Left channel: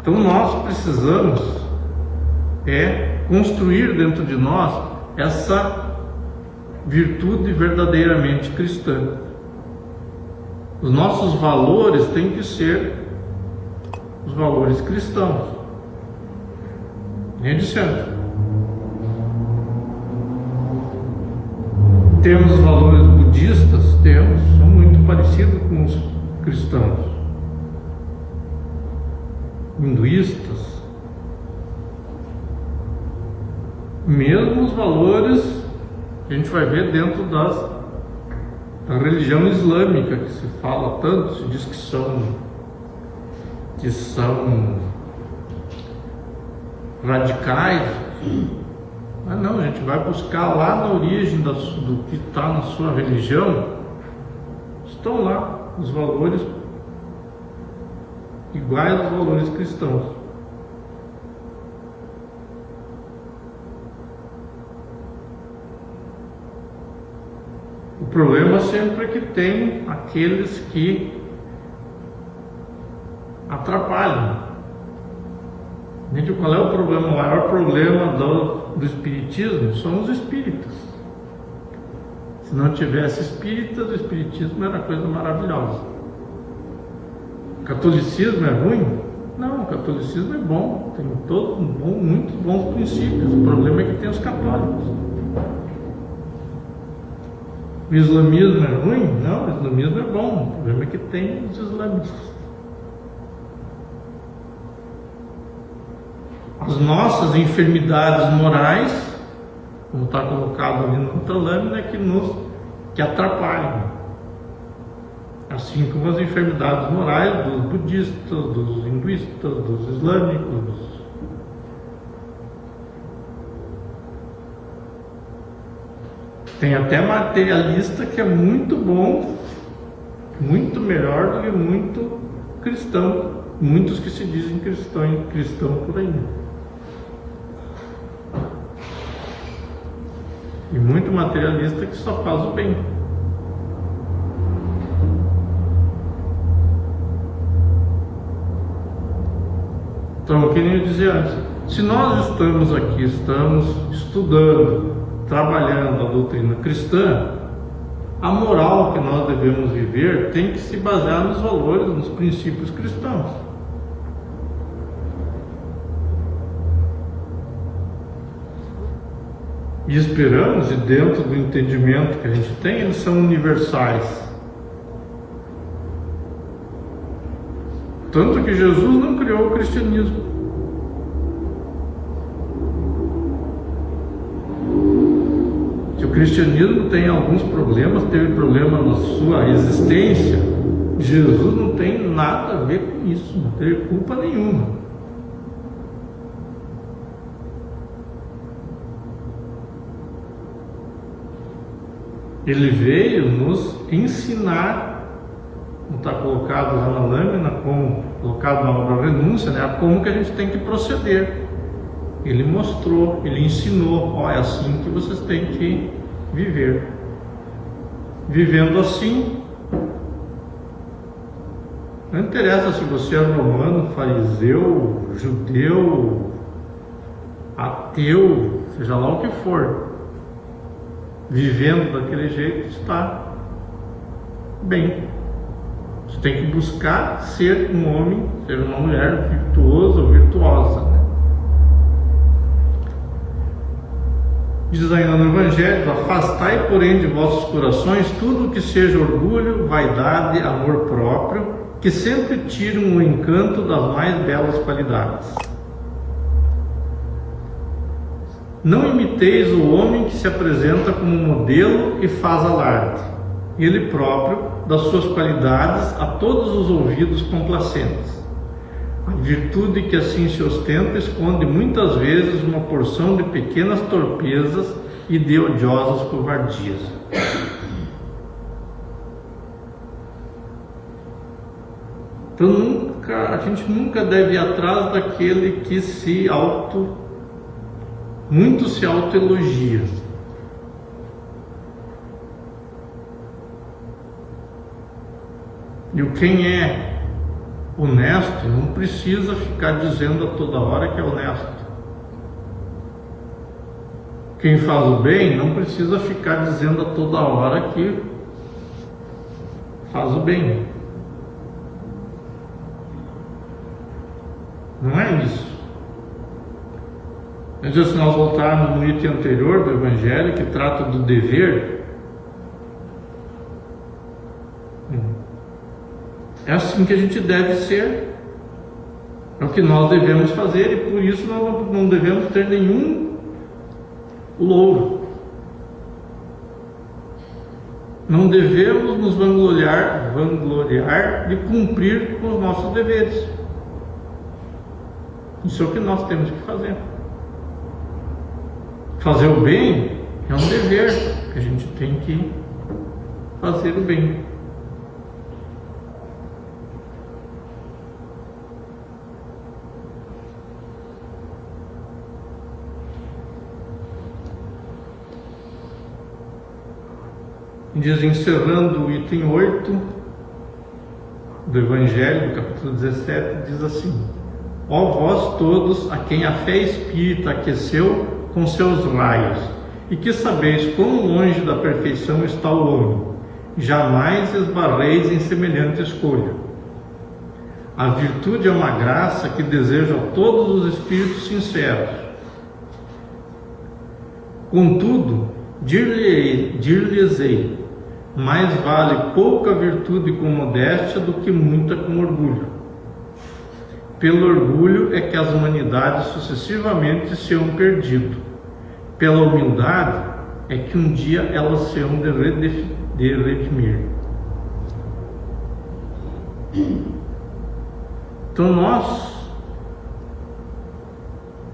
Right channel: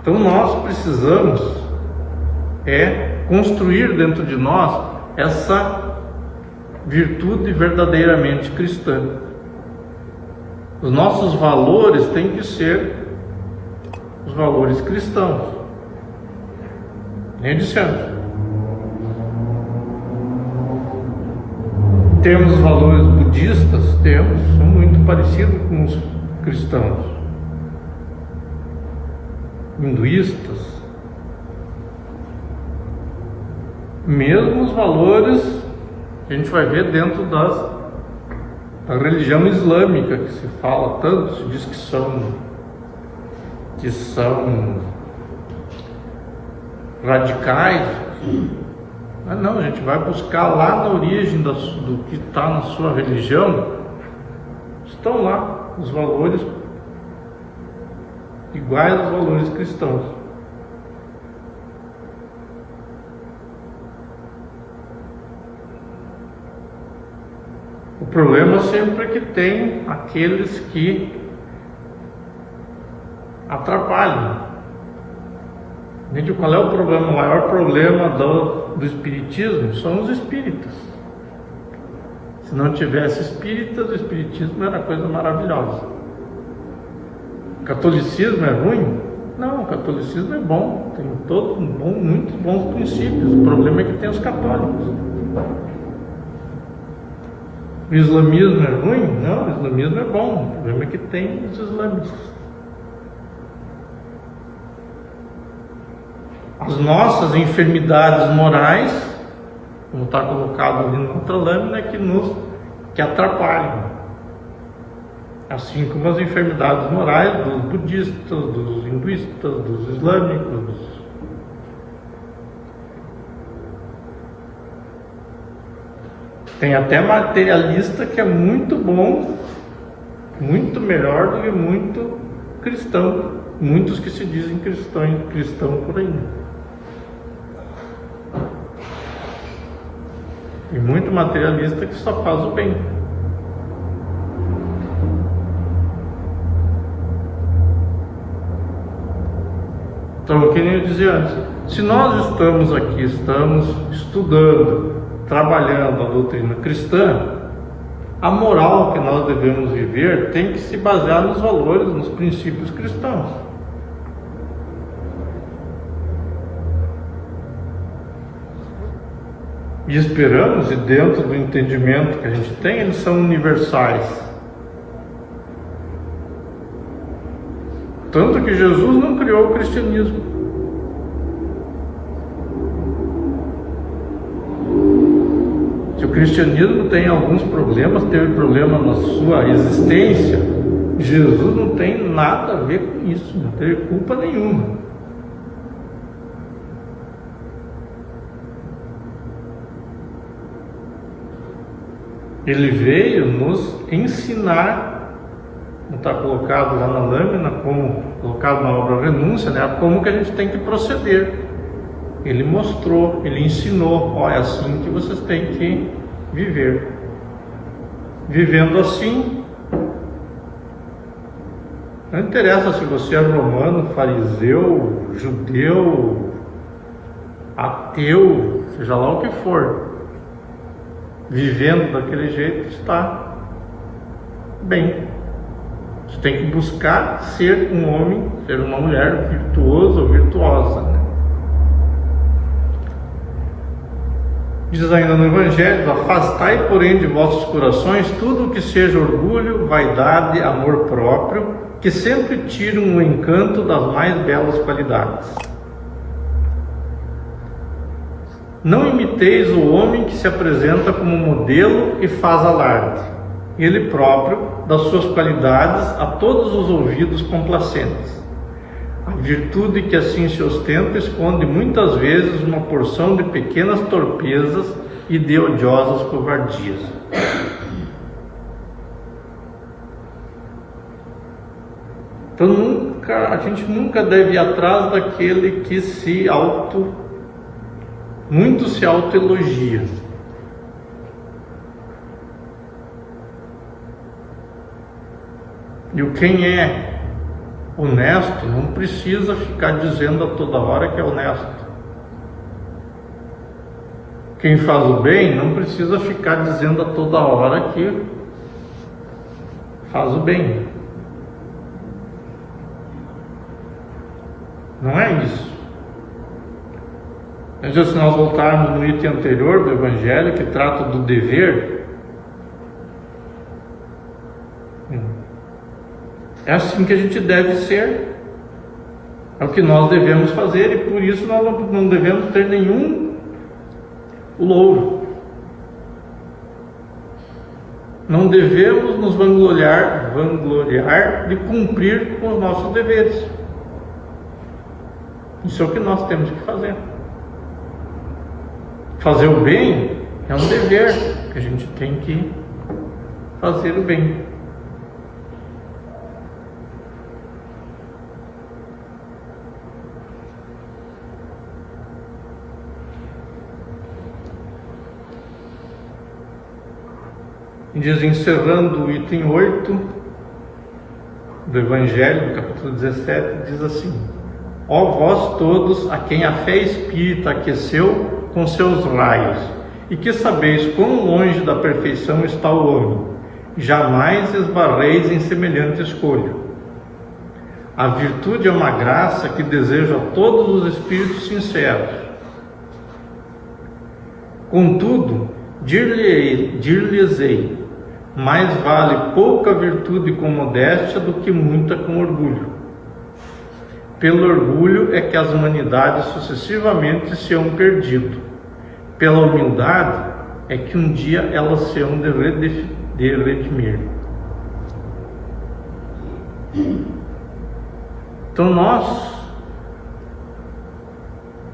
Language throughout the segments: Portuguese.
Então nós precisamos construir dentro de nós essa virtude verdadeiramente cristã. Os nossos valores têm que ser os valores cristãos. Nem dizendo. Temos os valores budistas, são muito parecidos com os cristãos. Hinduístas. Mesmo os valores que a gente vai ver dentro da religião islâmica, que se fala tanto, se diz que são radicais. Mas não, a gente vai buscar lá na origem do que está na sua religião. Estão lá os valores iguais aos valores cristãos. O problema sempre é que tem aqueles que atrapalham. Gente, qual é o problema? O maior problema do espiritismo são os espíritas. Se não tivesse espíritas, o espiritismo era coisa maravilhosa. O catolicismo é ruim? Não, o catolicismo é bom, tem muitos bons princípios. O problema é que tem os católicos. O islamismo é ruim? Não, o islamismo é bom, o problema é que tem os islamistas. As nossas enfermidades morais, como está colocado ali na outra lâmina, que atrapalham. Assim como as enfermidades morais dos budistas, dos hinduístas, dos islâmicos. Tem até materialista que é muito bom, muito melhor do que muito cristão. Muitos que se dizem cristão por aí. E muito materialista que só faz o bem. Então, que nem eu dizia antes, se nós estamos aqui, estamos estudando, trabalhando a doutrina cristã, a moral que nós devemos viver tem que se basear nos valores, nos princípios cristãos. E esperamos, e dentro do entendimento que a gente tem, eles são universais. Tanto que Jesus não criou o cristianismo. Se o cristianismo tem alguns problemas, teve problema na sua existência, Jesus não tem nada a ver com isso, não teve culpa nenhuma. Ele veio nos ensinar, como está colocado lá na lâmina, como colocado na obra Renúncia, né, como que a gente tem que proceder. Ele mostrou, ele ensinou, ó, é assim que vocês têm que viver. Vivendo assim, não interessa se você é romano, fariseu, judeu, ateu, seja lá o que for. Vivendo daquele jeito está bem. Você tem que buscar ser um homem, ser uma mulher virtuosa ou virtuosa, né? Diz ainda no Evangelho: afastai, porém, de vossos corações tudo o que seja orgulho, vaidade, amor próprio, que sempre tiram o encanto das mais belas qualidades. Não imiteis o homem que se apresenta como modelo e faz alarde, ele próprio, das suas qualidades a todos os ouvidos complacentes. A virtude que assim se ostenta esconde muitas vezes uma porção de pequenas torpezas e de odiosas covardias. Então a gente nunca deve ir atrás daquele que muito se autoelogia. E o quem é honesto não precisa ficar dizendo a toda hora que é honesto. Quem faz o bem não precisa ficar dizendo a toda hora que faz o bem. Não é isso. Mas se nós voltarmos no item anterior do Evangelho, que trata do dever, é assim que a gente deve ser. É o que nós devemos fazer, e por isso nós não devemos ter nenhum louro. Não devemos nos vangloriar de cumprir com os nossos deveres. Isso é o que nós temos que fazer. Fazer o bem é um dever, que a gente tem que fazer o bem. Diz, encerrando o item 8 do Evangelho, do capítulo 17, diz assim: ó vós todos a quem a fé espírita aqueceu com seus raios, e que sabeis quão longe da perfeição está o homem, jamais esbarreis em semelhante escolho. A virtude é uma graça que desejo a todos os espíritos sinceros. Contudo, dir-lhes-ei, mais vale pouca virtude com modéstia do que muita com orgulho. Pelo orgulho é que as humanidades sucessivamente se hão perdido. Pela humildade é que um dia elas se hão de redimir. Então nós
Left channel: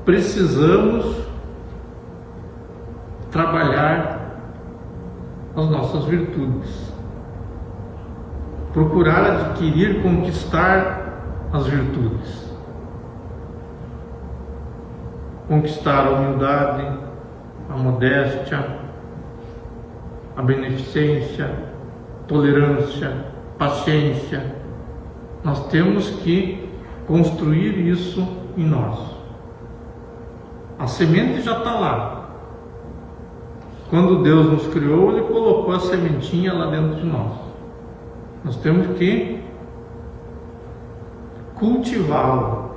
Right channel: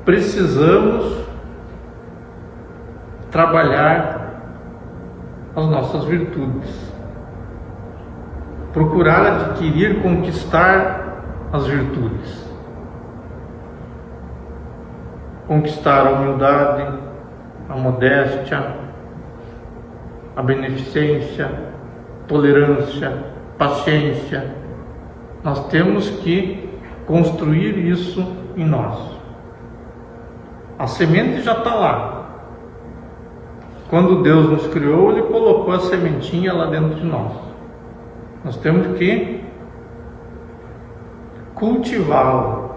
precisamos trabalhar as nossas virtudes, procurar adquirir, conquistar as virtudes, conquistar a humildade, a modéstia, a beneficência, tolerância, paciência. Nós temos que construir isso em nós. A semente já está lá. Quando Deus nos criou, Ele colocou a sementinha lá dentro de nós. Nós temos que cultivá-la.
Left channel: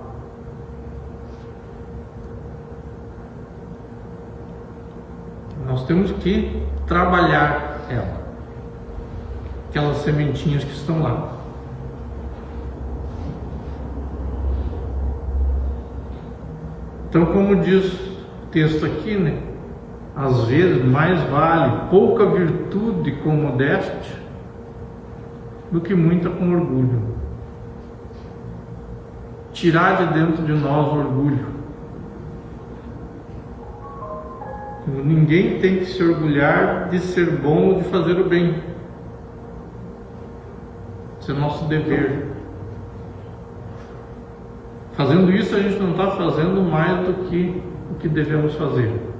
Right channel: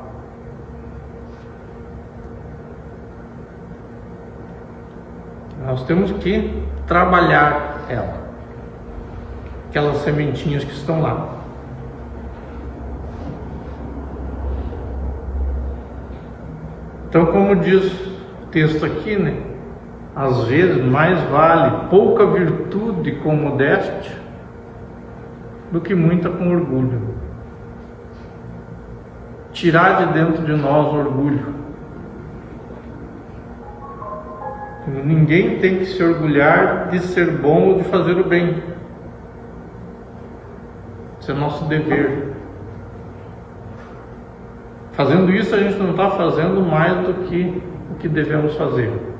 Nós temos que trabalhar ela, aquelas sementinhas que estão lá. Então, como diz o texto aqui, né? Às vezes mais vale pouca virtude com modéstia do que muita com orgulho. Tirar de dentro de nós o orgulho. Ninguém tem que se orgulhar de ser bom ou de fazer o bem. Isso é nosso dever. Fazendo isso, a gente não está fazendo mais do que o que devemos fazer.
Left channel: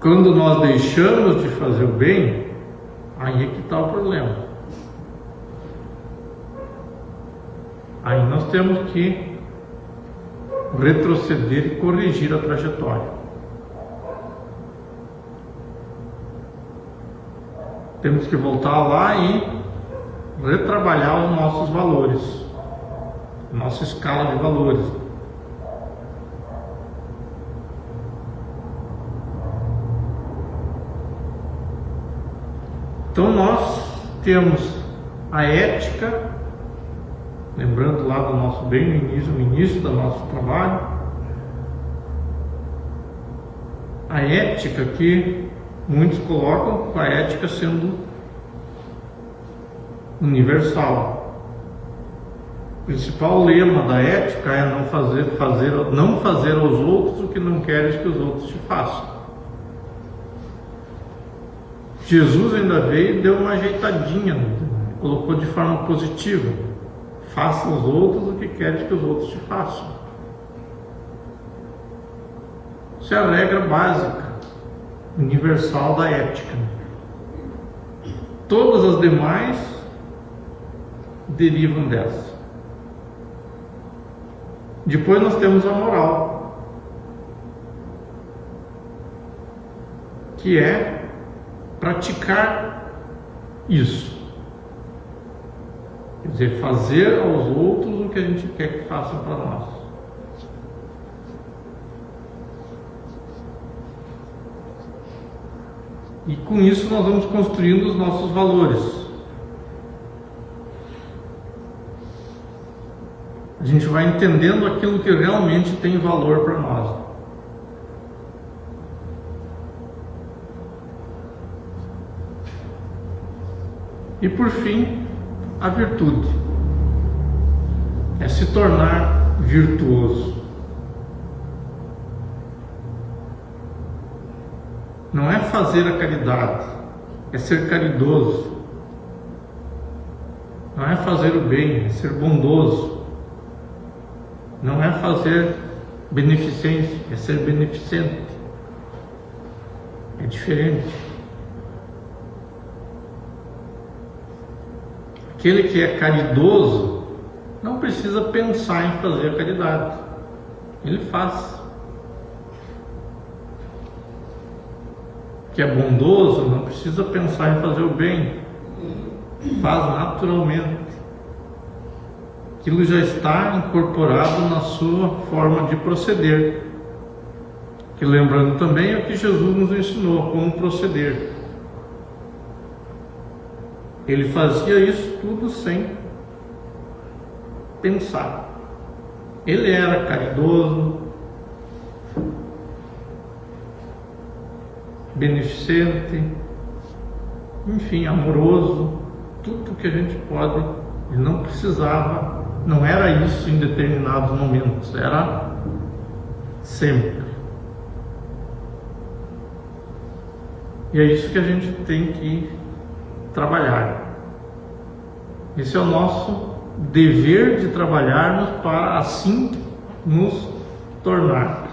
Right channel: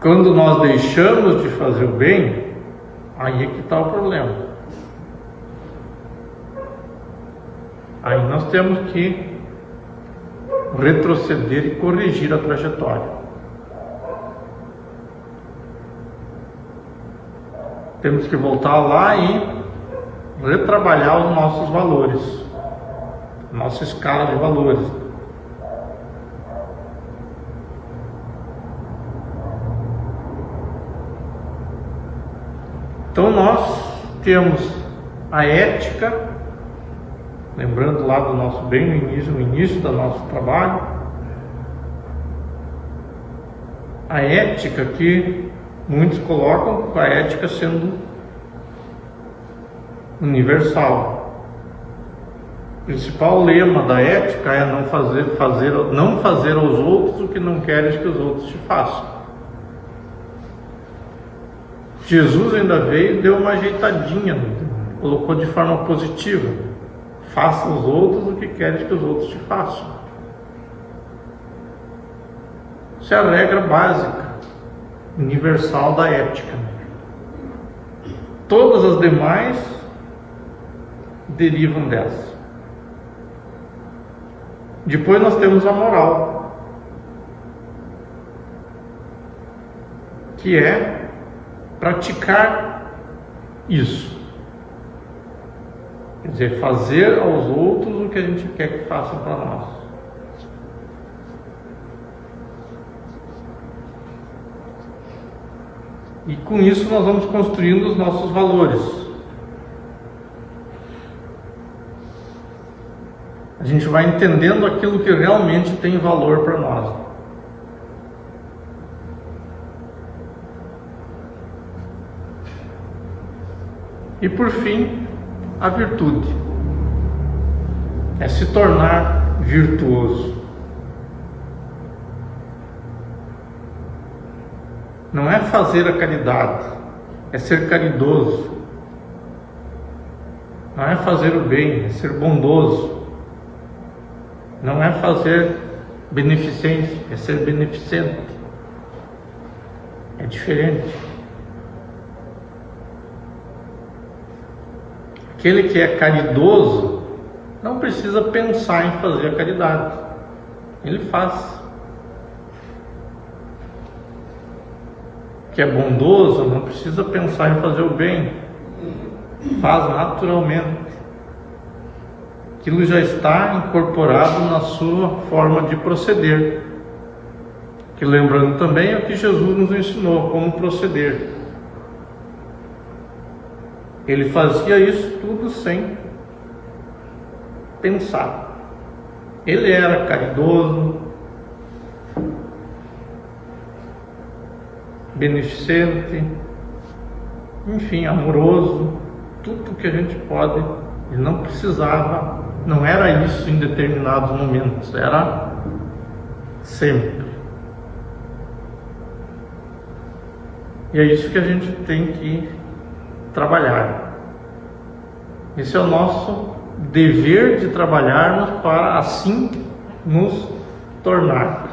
Quando nós deixamos de fazer o bem, aí é que está o problema. Aí nós temos que retroceder e corrigir a trajetória. Temos que voltar lá e retrabalhar os nossos valores, nossa escala de valores. Então nós temos a ética, lembrando lá do nosso bem no início do nosso trabalho, a ética que muitos colocam a ética sendo universal. O principal lema da ética é não fazer aos outros o que não queres que os outros te façam. Jesus ainda veio e deu uma ajeitadinha, colocou de forma positiva: faça aos outros o que queres que os outros te façam. Isso é a regra básica, universal da ética. Todas as demais derivam dessa. Depois nós temos a moral, que é praticar isso. Quer dizer, fazer aos outros o que a gente quer que façam para nós. E com isso nós vamos construindo os nossos valores. A gente vai entendendo aquilo que realmente tem valor para nós. E por fim, a virtude. É se tornar virtuoso. Não é fazer a caridade, é ser caridoso. Não é fazer o bem, é ser bondoso. Não é fazer beneficência, é ser beneficente. É diferente. Aquele que é caridoso não precisa pensar em fazer a caridade. Ele faz. Que é bondoso não precisa pensar em fazer o bem. Faz naturalmente. Aquilo já está incorporado na sua forma de proceder. Que lembrando também é o que Jesus nos ensinou, como proceder. Ele fazia isso tudo sem pensar. Ele era caridoso, beneficente, enfim, amoroso, tudo que a gente pode. Ele não precisava, não era isso em determinados momentos, era sempre. E é isso que a gente tem que trabalhar. Esse é o nosso dever de trabalharmos para assim nos tornarmos.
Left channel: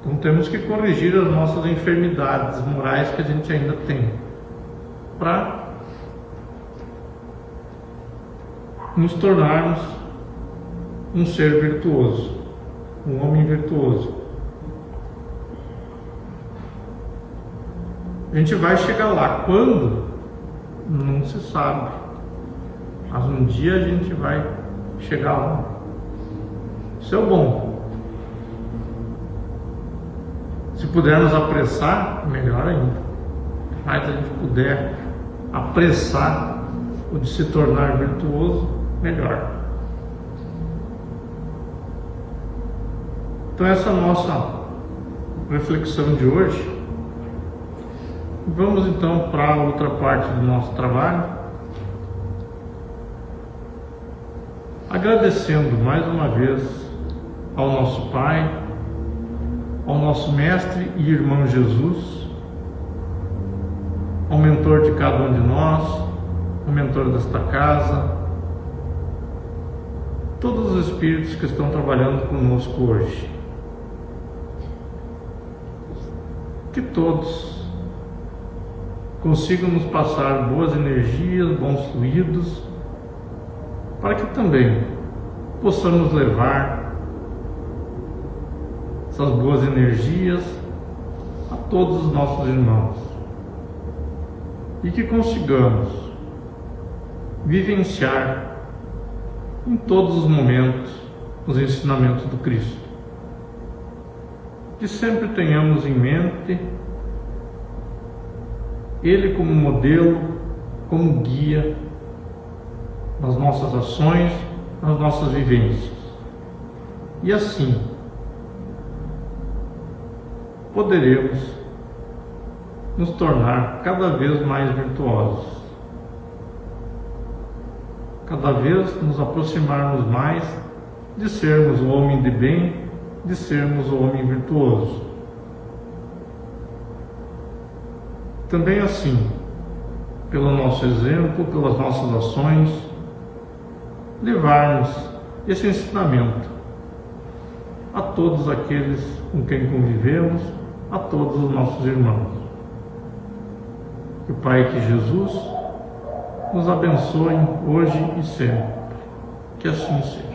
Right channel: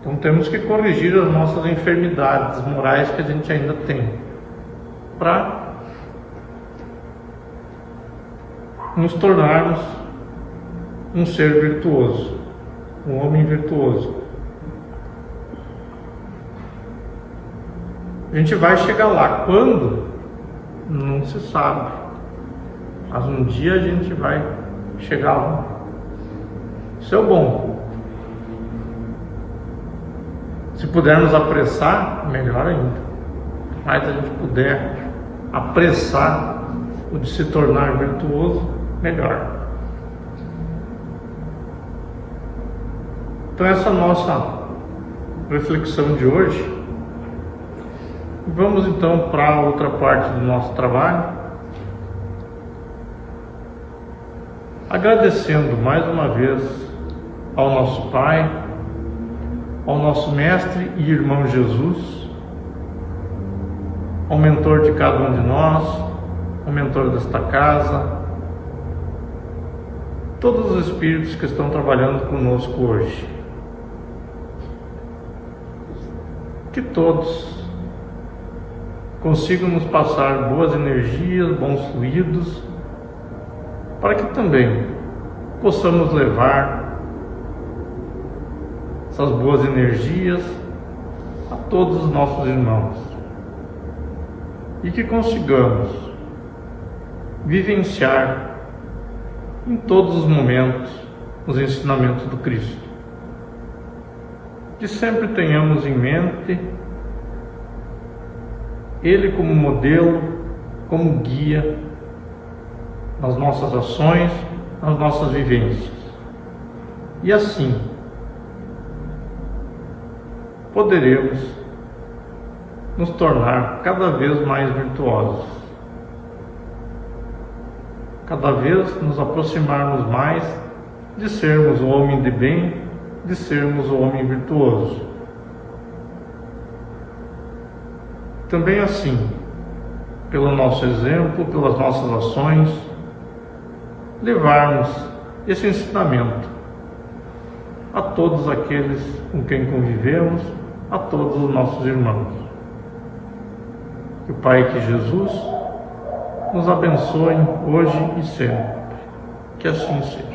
Então temos que corrigir as nossas enfermidades morais que a gente ainda tem, para nos tornarmos um ser virtuoso, um homem virtuoso. A gente vai chegar lá. Quando? Não se sabe. Mas um dia a gente vai chegar lá. Isso é o bom. Se pudermos apressar, melhor ainda. Mais a gente puder apressar o de se tornar virtuoso, melhor. Então essa é a nossa reflexão de hoje. Vamos então para a outra parte do nosso trabalho, agradecendo mais uma vez ao nosso Pai, ao nosso Mestre e Irmão Jesus, ao mentor de cada um de nós, ao mentor desta casa, todos os espíritos que estão trabalhando conosco hoje. Que todos consigam nos passar boas energias, bons fluidos, para que também possamos levar essas boas energias a todos os nossos irmãos e que consigamos vivenciar em todos os momentos os ensinamentos do Cristo. Que sempre tenhamos em mente Ele como modelo, como guia nas nossas ações, nas nossas vivências. E assim poderemos nos tornar cada vez mais virtuosos, cada vez nos aproximarmos mais de sermos o homem de bem, de sermos o homem virtuoso. Também assim, pelo nosso exemplo, pelas nossas ações, levarmos esse ensinamento a todos aqueles com quem convivemos, a todos os nossos irmãos. Que Que o Pai, que Jesus nos abençoe hoje e sempre. Que assim seja.